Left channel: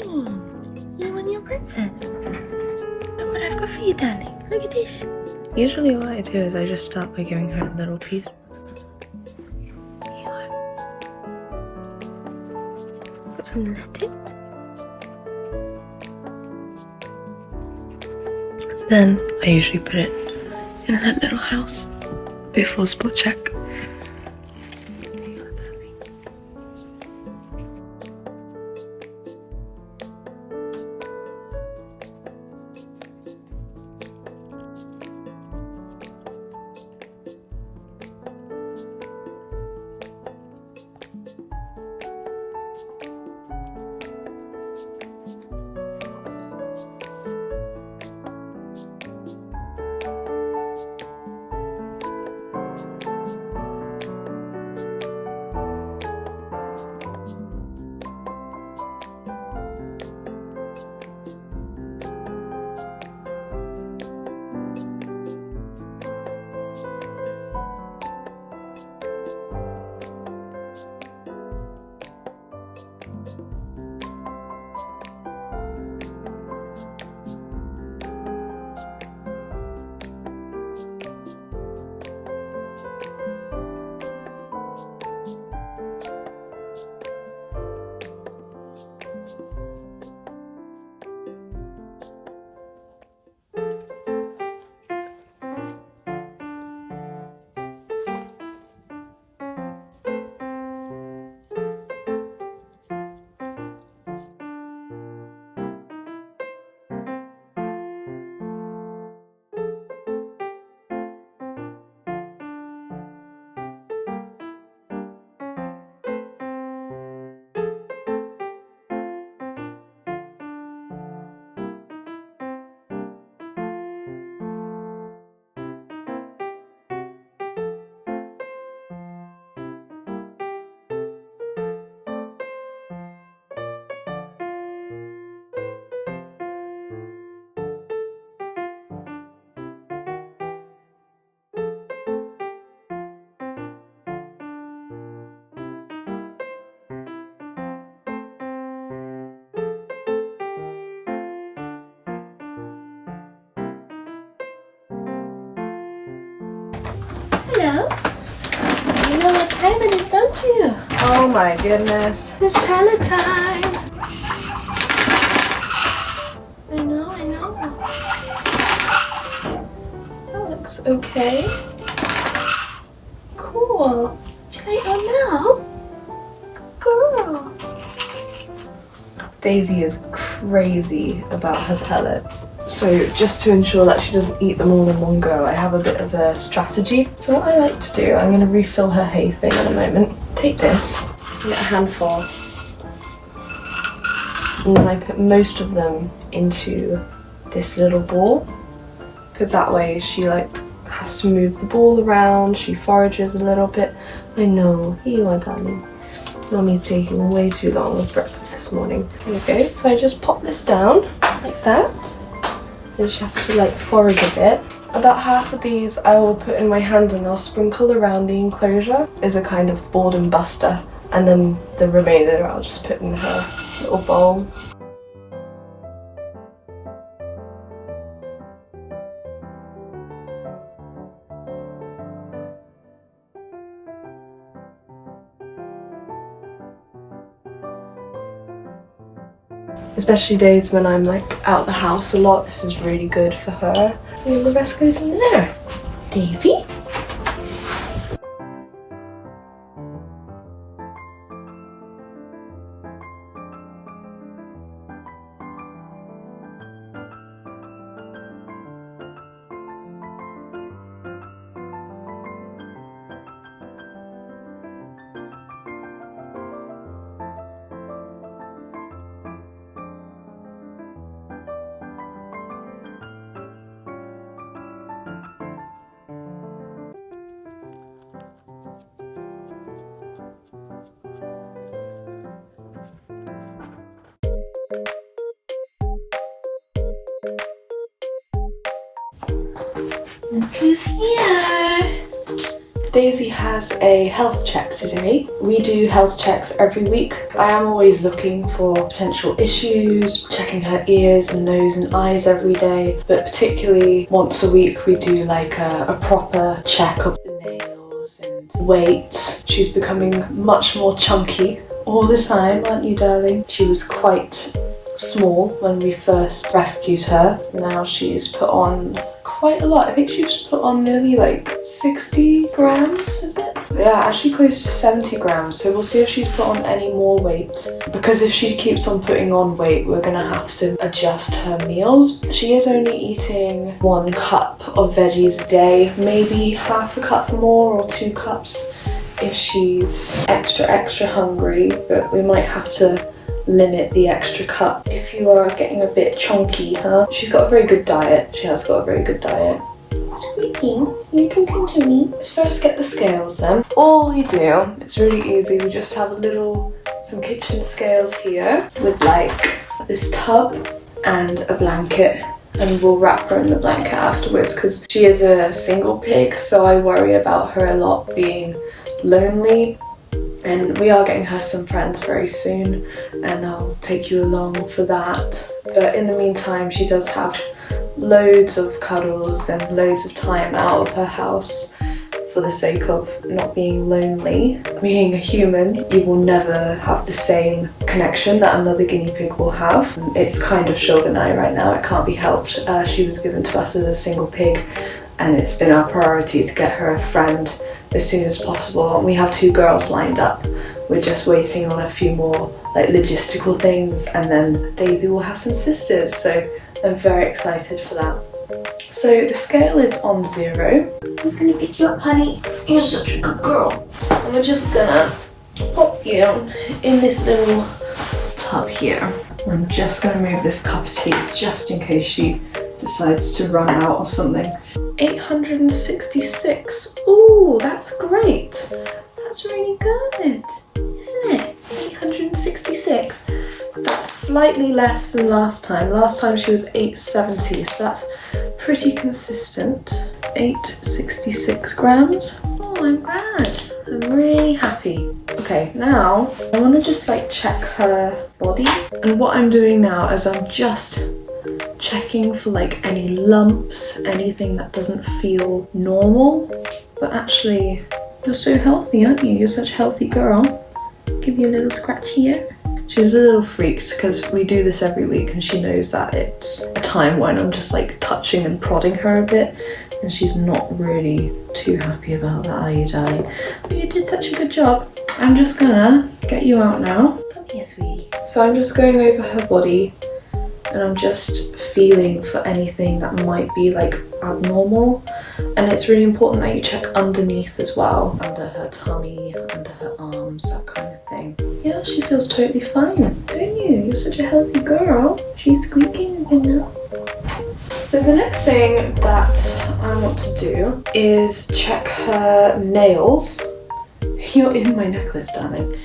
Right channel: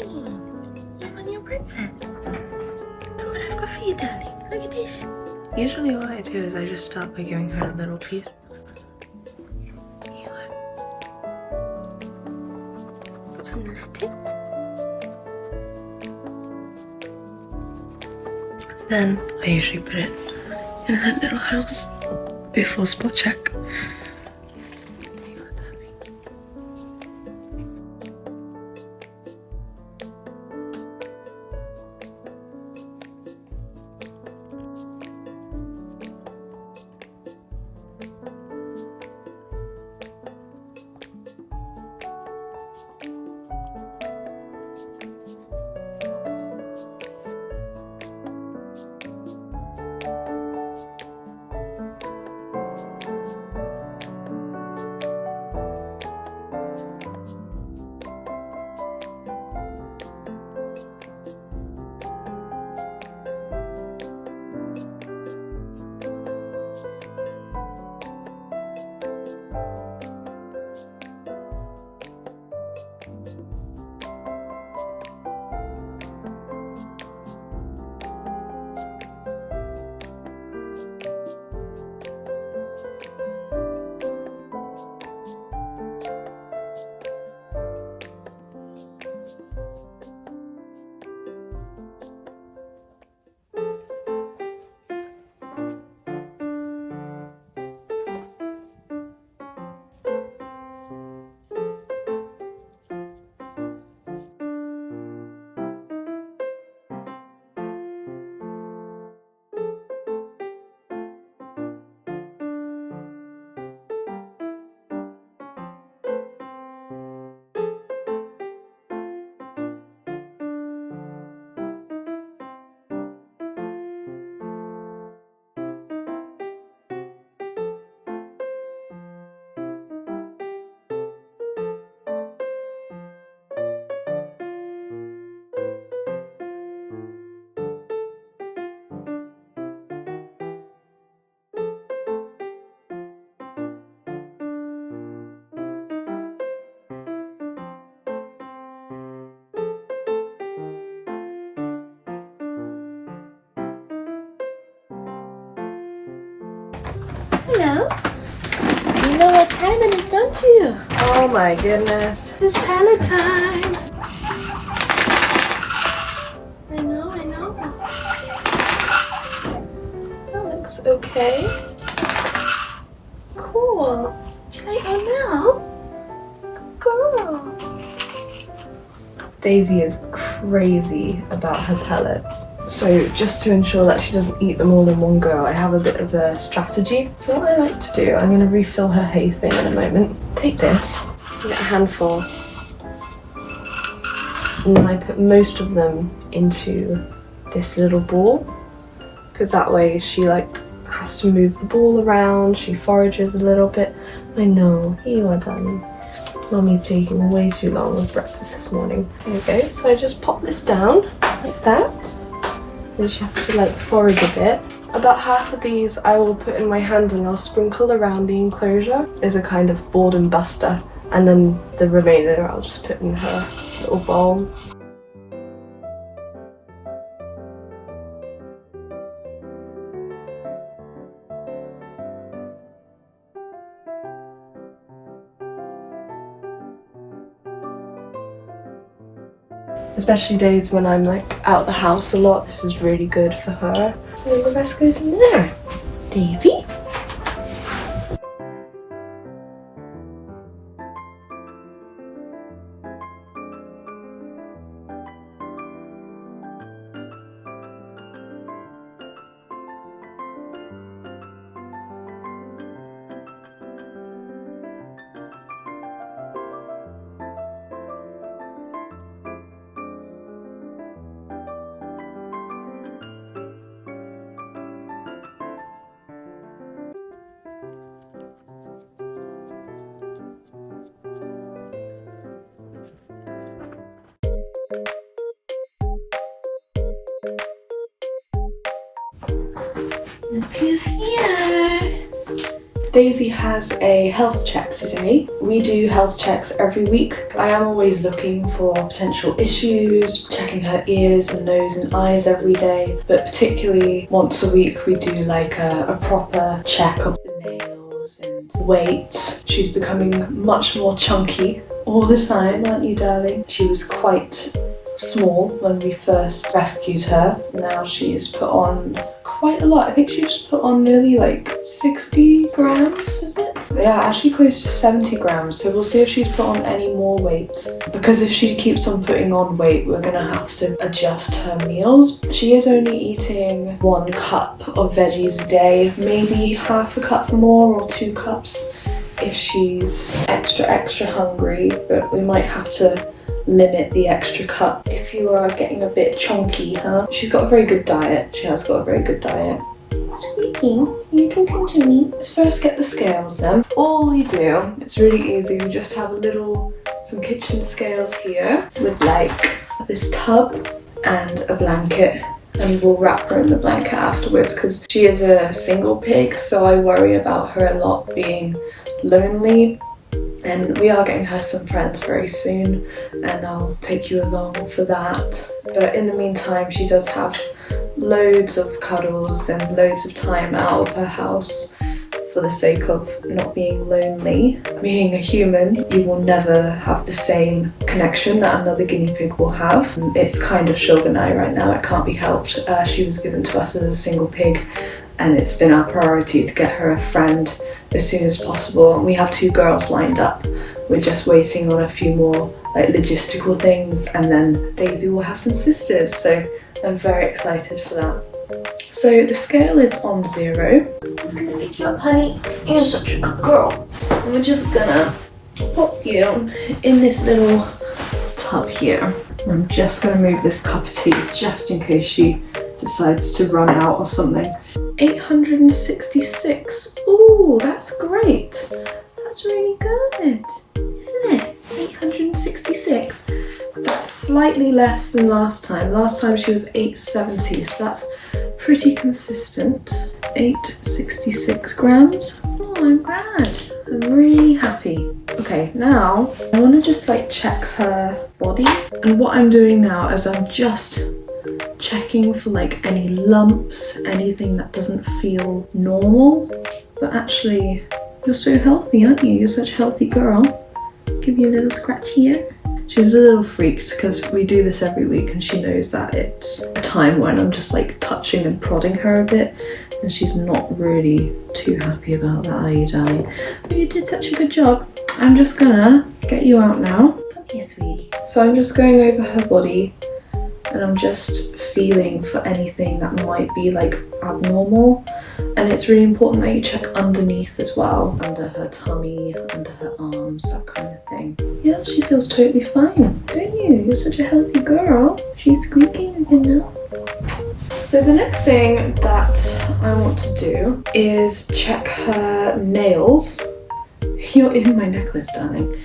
You want your breakfast? Look what I've got for you, darling. Look at this. Usually what I do is I just start by giving her a little piece. Here you are. Got some lettuce. Then I usually put it in her little house before spot check. Hello. You know what time it is, don't you? Oh my goodness. It's pellet time. I know. That looks okay. Cool. Should I go now? Good girl. Daisy is crazy about her pellets. So just to ensure that she doesn't eat them all in one go, I have a bit of a strategy. So what I like to do, I'm going to refill her hay thing in a moment. Take this, get a handful, and then I put most of them into this little ball, because that way she has to move the ball around, she forages a little bit. I know, here you are, darling. Mummy's taking way too long with breakfast this morning. There you go, so I just pop this down like that. Then she has to forage a bit. About half of these I will put in my hand and I'll sprinkle around the enclosure as a kind of boredom buster. And then the remainder I'll just put in her little bowl. Especially days when I'm out the house a lot, this is really good for her. And the rest goes in there. Daisy? Look who's here. Daisy has a health check today. We do health checks every week. I am always looking for potential issues, checking her ears and nose and eyes every day, but particularly once a week we do like a proper check of the nails and weight. She's becoming much more chunky all the time, aren't you, darling? She was quite small when we first rescued her. Now she's put on quite a lot. I think she's put on nearly like 60 grams, is it? Yeah, actually close to 70 grams. So we'll see if she's put on any more weight. Because if she keeps on putting on weight, we're gonna have to adjust her meals. She is only eating 1 cup of veggies a day, maybe half a cup more or 2 cups if she's extra hungry, but we might have to limit the extra cup if you are getting a bit chunky, huh? She's got a very good diet. She has got a very good diet. Squeaking? Are you talking to me? Let's first get the scales then. All we do, it's really easy, we just have some kitchen scales here with like this tub and a blanket, and we'll wrap her in the blanket afterwards because she is a single pig, so I worry about her a lot being lonely. And we are getting her some friends very soon, and I'll take you along for that. But in the meantime, she does have loads of cuddles and loads of time out of her house for the sake of not being lonely. Being a human, you will never have the same connection that another guinea pig will have. It's kind of Shogunai right now, it can't be helped. She was given to us as a single pig, and it's been our priority to get her a friend as soon as possible. And we have 2 girls lined up. We're just waiting on a few more like logistical things, and then Daisy will have some sisters, so I'm very excited for that. So the scale is on 0. I'm just gonna pick you up, honey. You're such a good girl. And we're just gonna pop you in this little tub here. I'm just gonna move this cup of tea just in case she decides to run out or something. 866. Ooh, that's great. That's really good, isn't it? 866. That's slightly less than last time. Last time she was 870, so that's pretty consistent. 866 grams. Oh, I'm glad. I'm really happy. Okay, now I want to just like check her body. And what I'm doing now is I'm just checking for like any lumps, anything that doesn't feel normal. But actually, you're so healthy, aren't you? You're such a healthy girl. Give you a little scratch here. She's a little freaked because we do this every week, and she knows that it's a time when I'm just like touching and prodding her a bit, and she's not really too happy about that, are you, darling? But you did such a good job. I'm just gonna get you out now. Come here, sweetie. So I'm just going over her body, and I'm just feeling for anything that might be like abnormal. And it's really important that you check underneath as well, under her tummy, under her arms, that kind of thing. Yeah, she feels totally fine, don't you? You're such a healthy girl. She's squeaking again now. So the next thing that I want to do is check her nails. You're in my necklace, darling.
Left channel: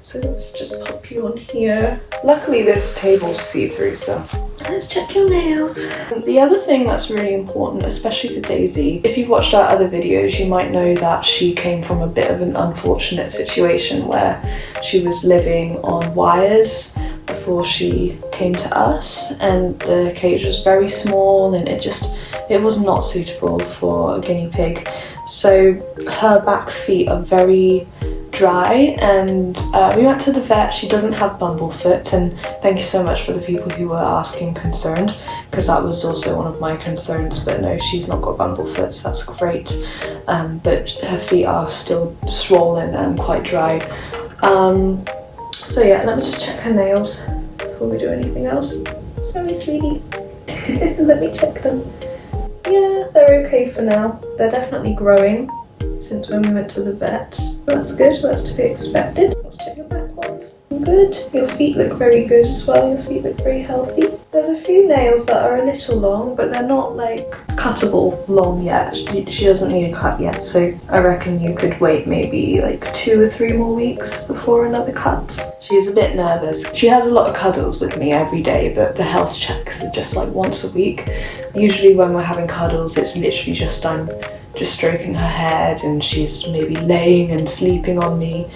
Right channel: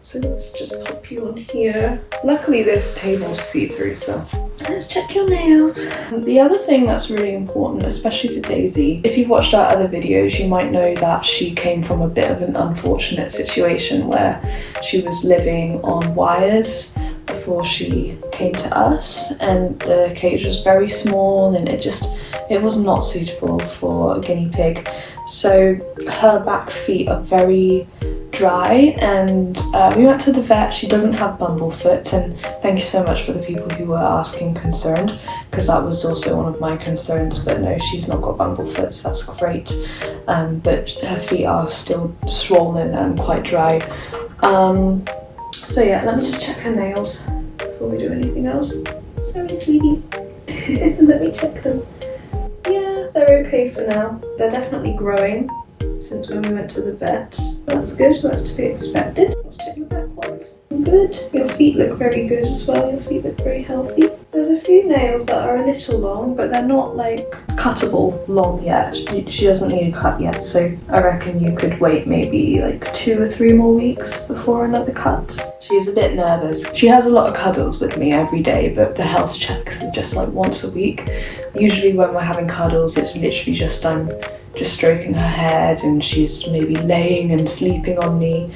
So let's just pop you on here. Luckily this table's see-through, so let's check your nails. The other thing that's really important, especially for Daisy, if you've watched our other videos, you might know that she came from a bit of an unfortunate situation where she was living on wires before she came to us, and the cage was very small and it was not suitable for a guinea pig. So her back feet are very dry, and we went to the vet. She doesn't have bumblefoot, and thank you so much for the people who were asking concerned, because that was also one of my concerns. But no, she's not got bumblefoot, so that's great. But her feet are still swollen and quite dry. So yeah, let me just check her nails before we do anything else. Sorry, sweetie. Let me check them. Yeah, they're okay for now. They're definitely growing since when we went to the vet. That's good, that's to be expected. Let's check your back ones. Good. Your feet look very good as well. Your feet look very healthy. There's a few nails that are a little long, but they're not like cuttable long yet. She doesn't need a cut yet, so I reckon you could wait maybe like 2 or 3 more weeks before another cut. She is a bit nervous. She has a lot of cuddles with me every day, but the health checks are just like once a week. Usually when we're having cuddles, it's literally just I'm just stroking her head, and she's maybe laying and sleeping on me.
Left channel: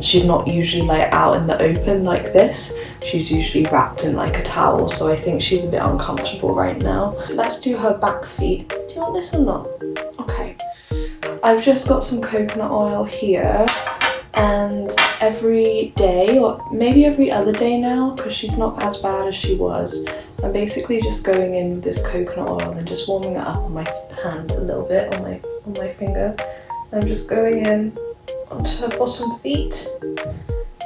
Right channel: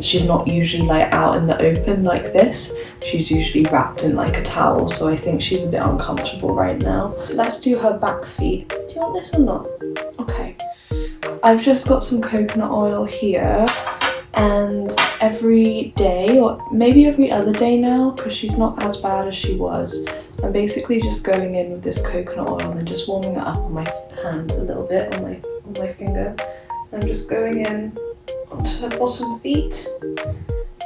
She's not usually like out in the open like this. She's usually wrapped in like a towel, so I think she's a bit uncomfortable right now. Let's do her back feet. Do you want this or not? Okay. I've just got some coconut oil here, and every day, or maybe every other day now, because she's not as bad as she was, I'm basically just going in with this coconut oil and just warming it up on my hand a little bit, on my finger. I'm just going in onto her bottom feet,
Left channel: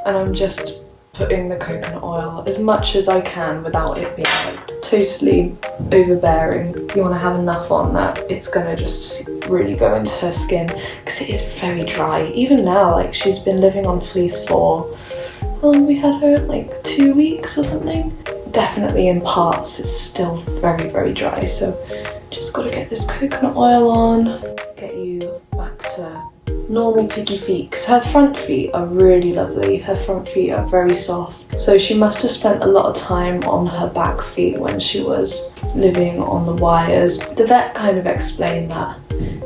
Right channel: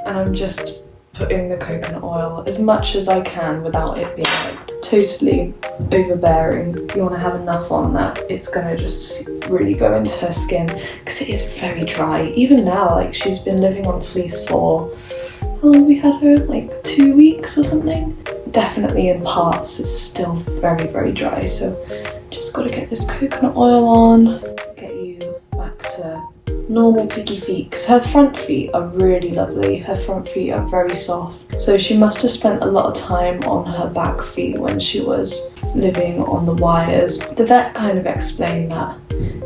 and I'm just putting the coconut oil as much as I can without it being like totally overbearing. You want to have enough on that it's gonna just really go into her skin, because it is very dry. Even now, like, she's been living on fleece for, how long have we had her? Like 2 weeks or something? Definitely in parts it's still very, very dry, so just got to get this coconut oil on, get you back to normal piggy feet, because her front feet are really lovely. Her front feet are very soft, so she must have spent a lot of time on her back feet when she was living on the wires. The vet kind of explained that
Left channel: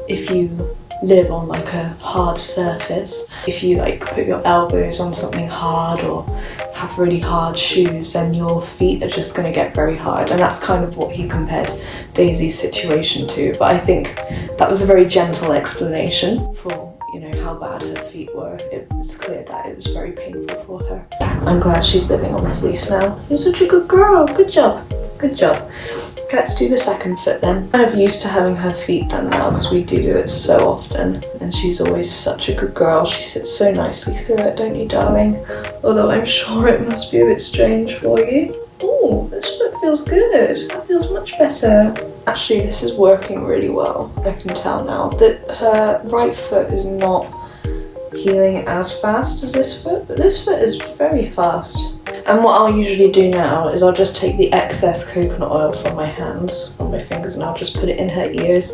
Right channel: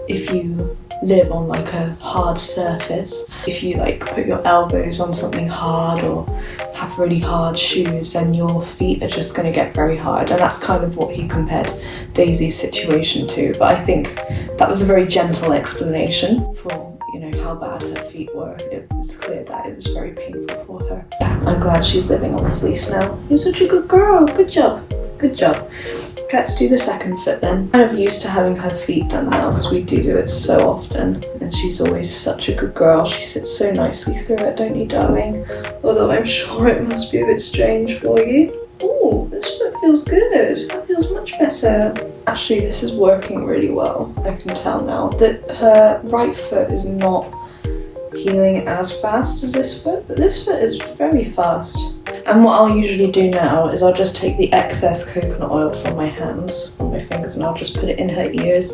if you live on like a hard surface, if you like put your elbows on something hard or have really hard shoes, then your feet are just going to get very hard, and that's kind of what he compared Daisy's situation to. But I think that was a very gentle explanation for, you know, how bad her feet were. It was clear that it was very painful for her. I'm glad she's living on the fleece now. You're such a good girl. Good job. Good job. Let's do the second foot then. I'm kind of used to having her feet done now, because we do it so often, and she's always such a good girl. She sits so nicely through it, don't you, darling? Although I'm sure it must be a bit strange for you. Oh, this foot feels good. That feels much better. Actually, this is working really well. I can tell now that her right foot is not healing as fast as this foot, but this foot is very fast. And what I'll usually do now is I'll just take the excess coconut oil from my hands, from my fingers, and I'll just put it in her ears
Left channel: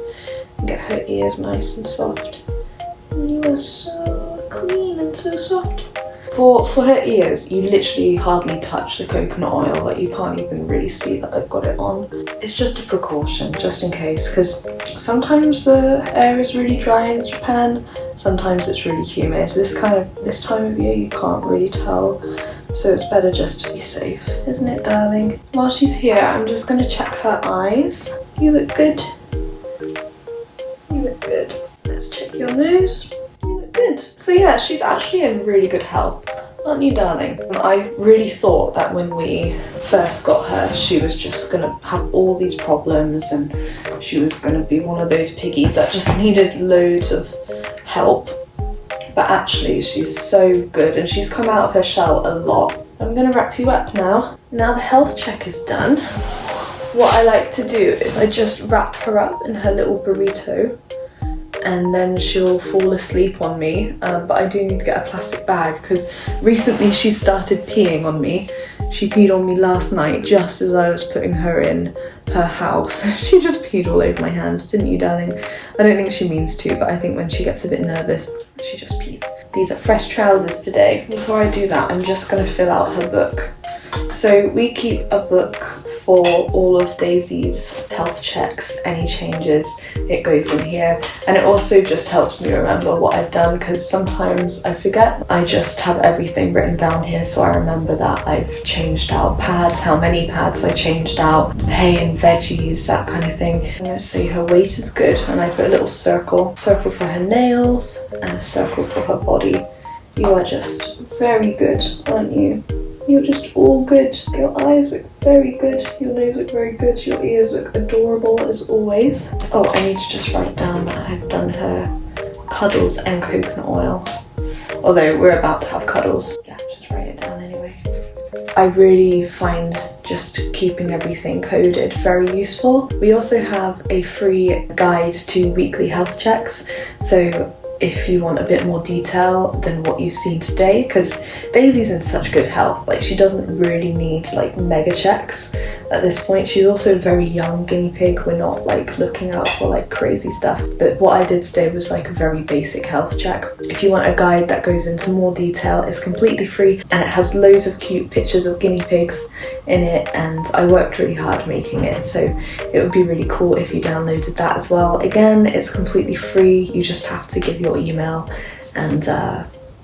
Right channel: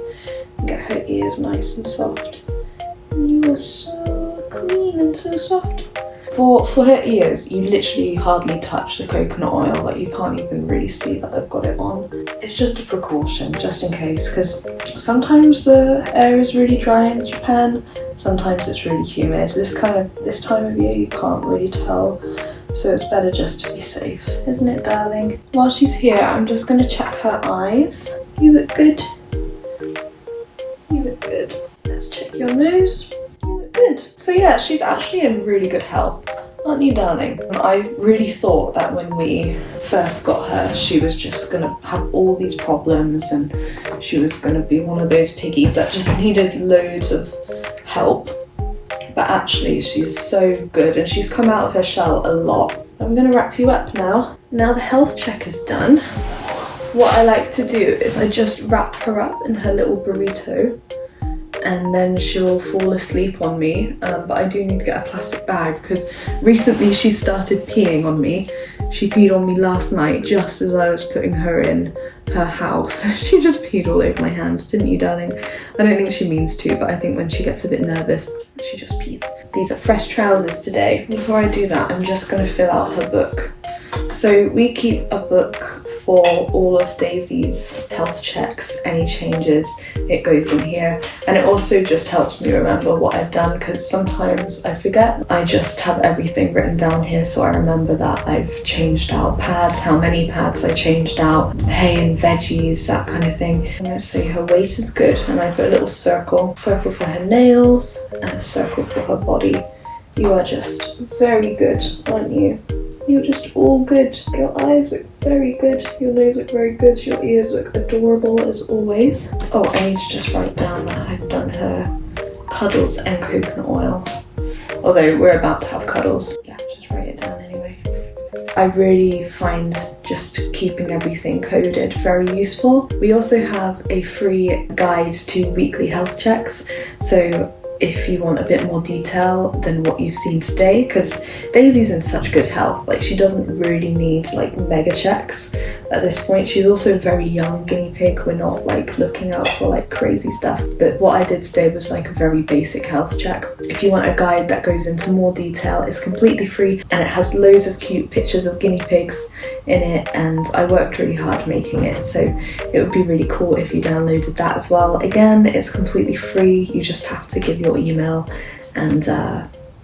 and get her ears nice and soft. And you are so clean and so soft. For her ears, you literally hardly touch the coconut oil, like you can't even really see that I've got it on. It's just a precaution, just in case, because sometimes the air is really dry in Japan, sometimes it's really humid. This time of year you can't really tell, so it's better just to be safe, isn't it, darling? While she's here, I'm just going to check her eyes. You look good. You look good. Let's check your nose. You look good. So yeah, she's actually in really good health. Aren't you, darling? I really thought that when we first got her, she was just going to have all these problems, and she was going to be one of those piggies that just needed loads of help. But actually, she's so good, and she's come out of her shell a lot. I'm going to wrap you up now. Now the health check is done. What I like to do is I just wrap her up in her little burrito, and then she'll fall asleep on me. But I do need to get a plastic bag, because recently she started peeing on me. She peed on me last night just as I was putting her in her house. She just peed all over my hand, didn't you, darling? I don't think she means to, but I think when she gets a bit nervous, she just pees. These are fresh trousers today. Before I do that, I'm just going to fill out her book. So we keep a book for all of Daisy's health checks, any changes, it goes in here. And it also just helps me remember what I've done, because sometimes I forget. I just have everything written down here, so I remember that I've changed out pads, how many pads I changed out, hay and veggies, that kind of thing. I'm going to say her weight is good, and I put a little circle for her nails and a circle for her body. You are just very good, aren't you? You're just all good. Your eyes look very good. Your nose look very good. Your ears look adorable as always. Oh, I need to just write down that I've done her cuddles and coconut oil. Although we're about to have cuddles. Yeah, just write it down anyway. I really find just keeping everything coded very useful. We also have a free guide to weekly health checks. So if you want a bit more detail than what you've seen today, because Daisy's in such good health. Like, she doesn't really need like mega checks at this point. She's also a very young guinea pig. We're not like looking out for like crazy stuff, but what I did today was like a very basic health check. If you want a guide that goes into more detail, it's completely free and it has loads of cute pictures of guinea pigs in it, and I worked really hard making it, so it would be really cool if you downloaded that as well. Again, it's completely free. You just have to give your email and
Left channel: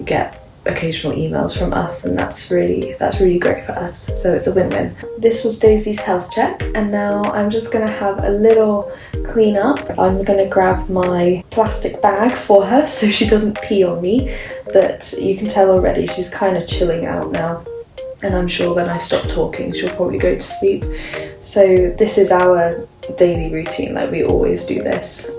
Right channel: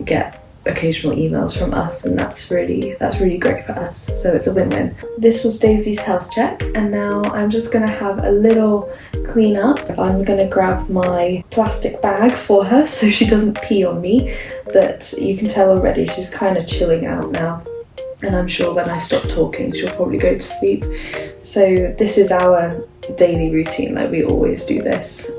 get occasional emails from us, and that's really great for us, so it's a win-win. This was Daisy's health check, and now I'm just gonna have a little clean up. I'm gonna grab my plastic bag for her so she doesn't pee on me, but you can tell already she's kind of chilling out now, and I'm sure when I stop talking she'll probably go to sleep. So this is our daily routine. Like, we always do this,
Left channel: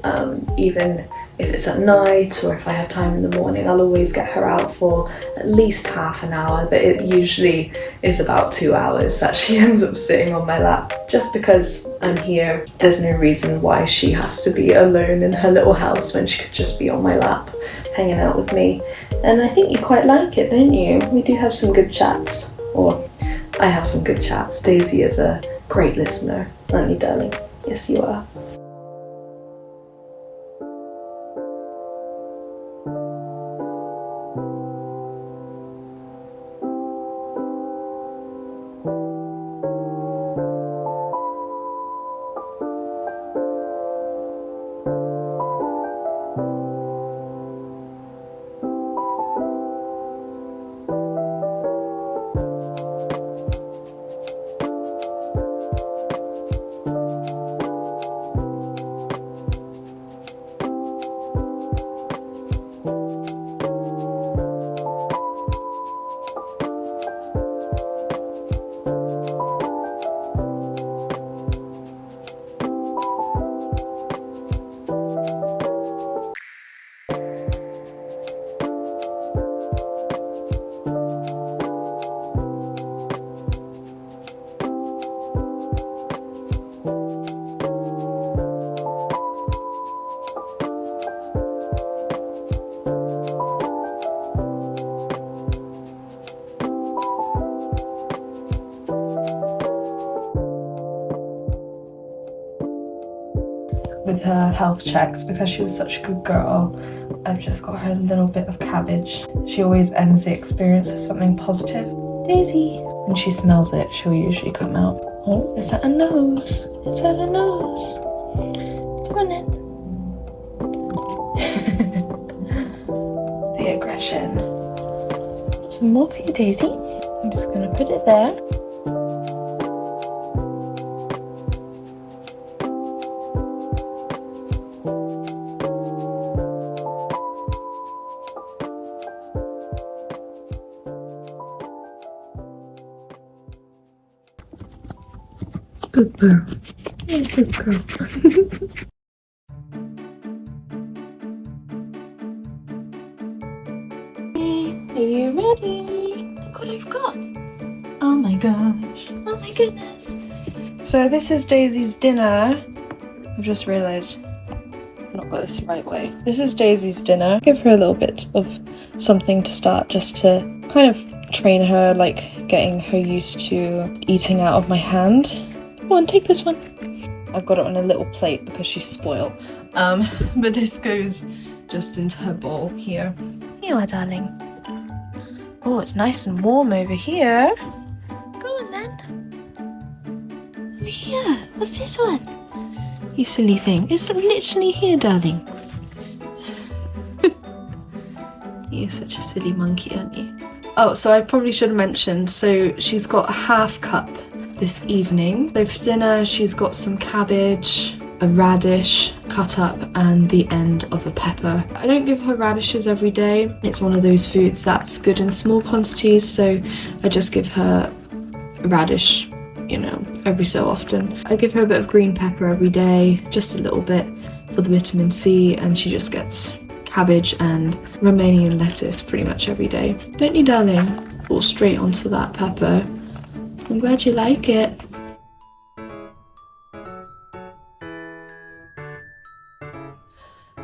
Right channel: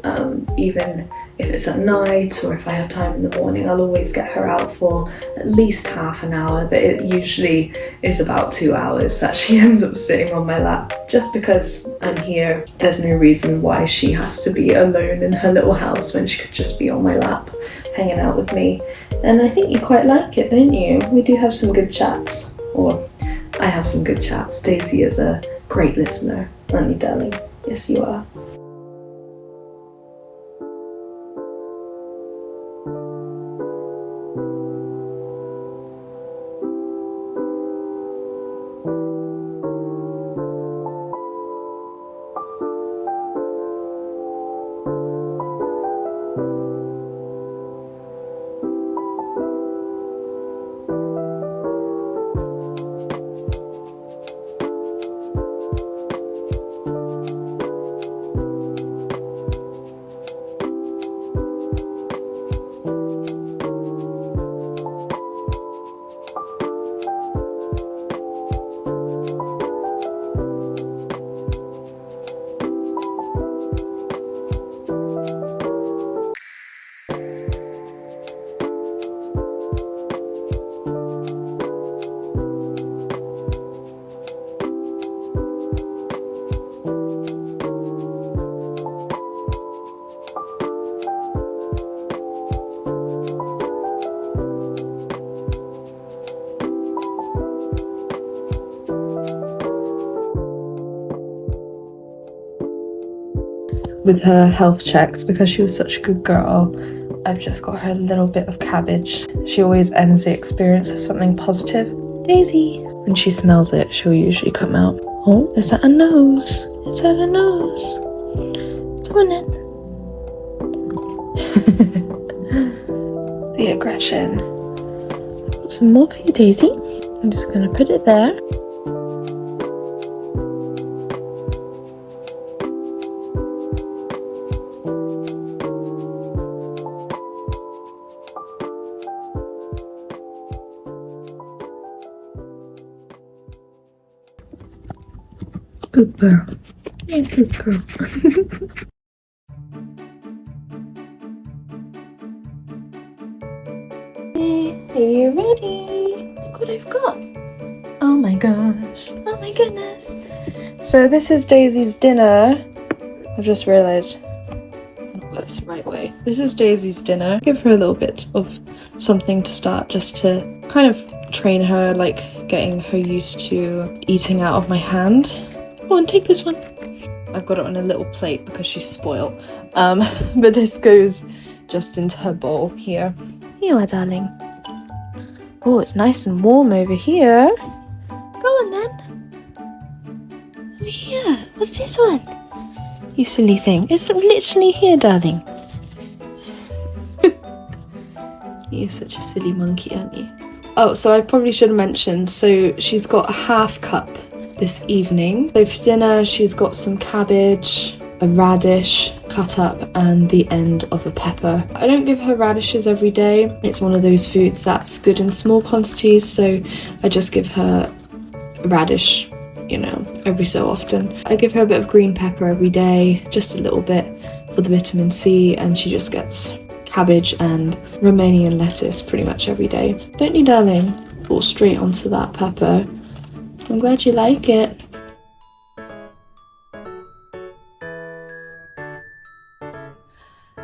even if it's at night or if I have time in the morning. I'll always get her out for at least half an hour, but it usually is about 2 hours that she ends up sitting on my lap. Just because I'm here, there's no reason why she has to be alone in her little house when she could just be on my lap hanging out with me. And I think you quite like it, don't you? We do have some good chats, or I have some good chats. Daisy is a great listener, aren't you, darling? Yes, you are. With her health checks, because she was such a good girl, I've just got her a little bit of cabbage. She always ends the experience with something positive. Daisy! When she smells it, she'll usually come out. Oh, is that a nose? Is that a nose? Come on in. The aggression. Some more for you, Daisy. I'm just gonna put it there. Good girl. Yeah, good girl. Are you ready? Look what I've got. Oh my gosh. Oh my goodness. So this is Daisy's dinner. I've just realised I've not got this the right way. This is Daisy's dinner. Give her a little bit of something to start, just to kind of train her, like getting her used to eating out of my hand. Go on, take this one. I've got it on a little plate because she's spoiled. But this goes just into her bowl here. Here you are, darling. Oh, it's nice and warm over here. Go on then. Over here. What's this one? You silly thing. It's literally here, darling. You're such a silly monkey, aren't you? Oh, so I probably should have mentioned, so she's got a half cup this evening. So for dinner she's got some cabbage, a radish cut up, and the end of a pepper. I don't give her radishes every day. It's one of those foods that's good in small quantities, so I just give her radish, you know, every so often. I give her a bit of green pepper every day, just a little bit for the vitamin C, and she just gets cabbage and Romanian lettuce pretty much every day. Don't you, darling? Fall straight onto that pepper. I'm glad you like it.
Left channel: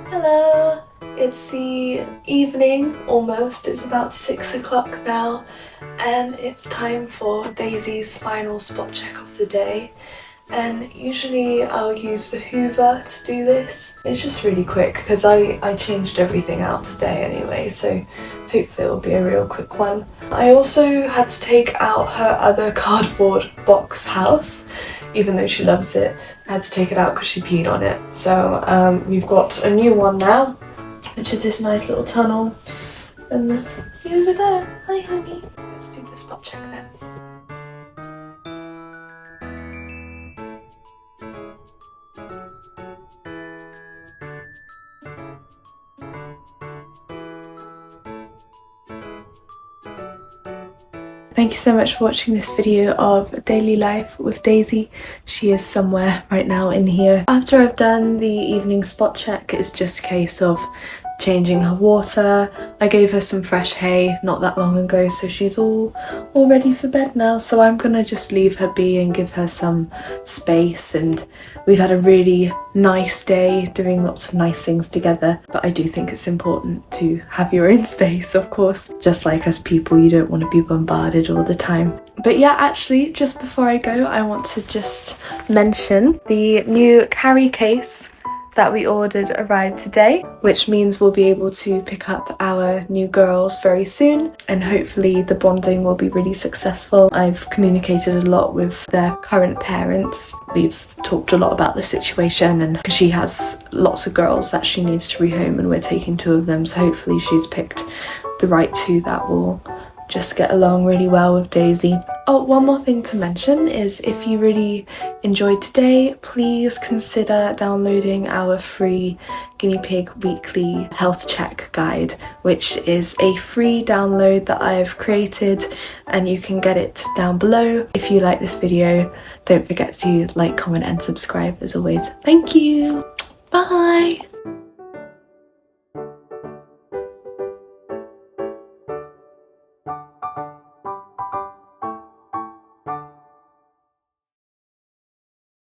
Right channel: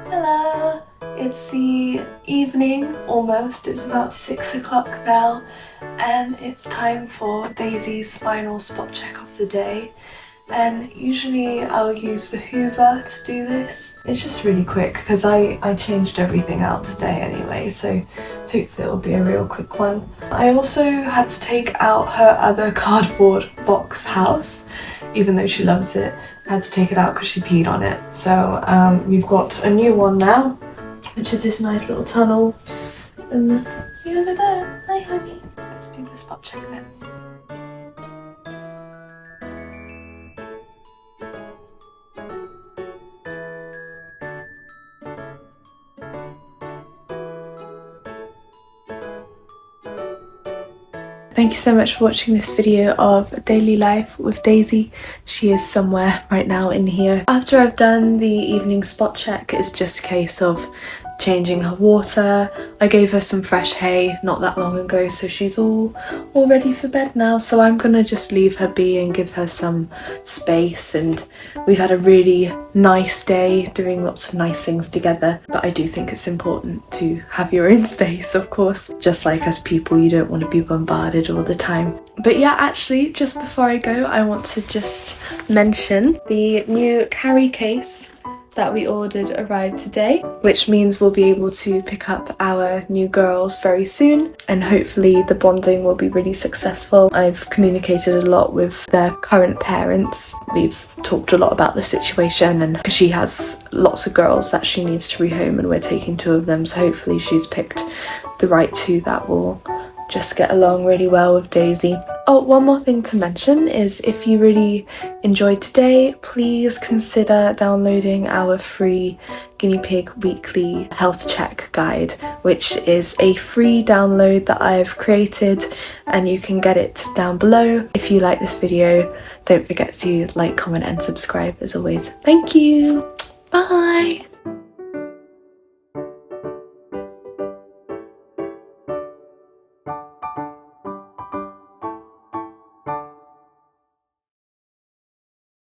Hello, it's the the evening almost. It's about 6 o'clock now, and it's time for Daisy's final spot check of the day. And usually I'll use the Hoover to do this. It's just really quick because I changed everything out today anyway, so hopefully it'll be a real quick one. I also had to take out her other cardboard box house, even though she loves it. I had to take it out because she peed on it. So we've got a new one now, which is this nice little tunnel. And you over there. Hi honey. Let's do the spot check then. Thank you so much for watching this video of daily life with Daisy. She is somewhere right now in here. After I've done the evening spot check, it's just a case of changing her water. I gave her some fresh hay not that long ago, so she's all ready for bed now. So I'm gonna just leave her be and give her some space. And we've had a really nice day doing lots of nice things together, but I do think it's important to have your own space, of course. Just like us people, you don't want to be bombarded all the time. But yeah, actually, just before I go, I want to just mention the new carry case that we ordered arrived today, which means we'll be able to pick up our new girls very soon, and hopefully the bonding will be really successful. I've communicated a lot with their current parents. We've talked a lot about the situation, and because she has lots of girls that she needs to rehome and we're taking 2 of them, so hopefully she's picked the right 2 that will just get along really well with Daisy. Oh, one more thing to mention is if you really enjoyed today, please consider downloading our free guinea pig weekly health check guide, which is a free download that I've created, and you can get it down below. If you like this video, don't forget to like, comment and subscribe as always. Thank you. Bye.